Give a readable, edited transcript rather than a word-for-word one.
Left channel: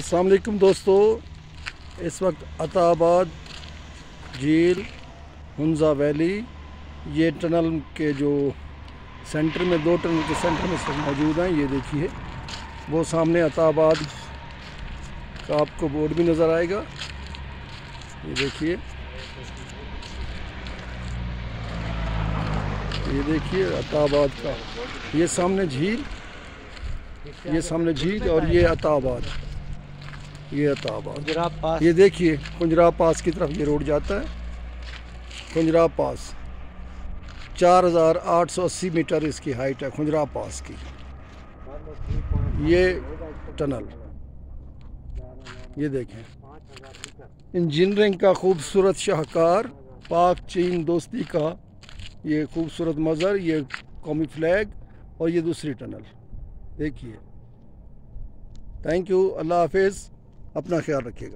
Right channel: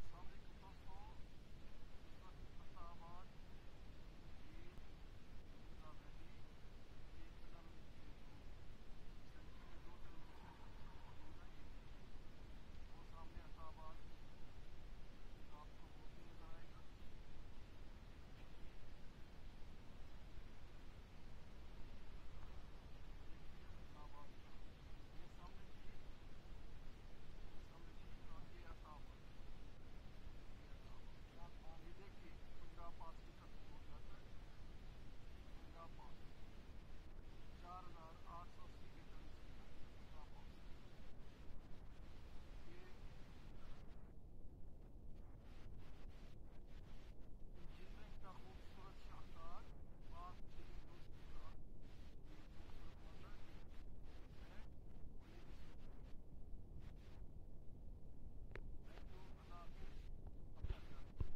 अस्सलाम वालेकुम दोस्तों, इस वक्त अताबाद झील हुंजा वैली ये टनल के जो सेंटर में, दो टनल के सेंटर में सब मौजूद हैं। ये देखिए, वो सामने अताबाद का आपको बोर्ड भी नज़र आएगा। ये देखिए अताबाद का, ये सामने झील, और ये अताबाद, ये देखिए कुंजराब पास की तरफ ये रोड जाता है। कुंजराब पास 4880 मीटर इसकी हाइट है कुंजराब पास की। ये टनल, ये देखें, इंजीनियरिंग का खूबसूरत शाहकार, पाक चीन दोस्ती का ये खूबसूरत मज़र, ये कौमी फ्लैग, और ये दूसरी टनल देखिए। थैंक यू, अल्लाह हाफिज़, अपना ख्याल रखिएगा।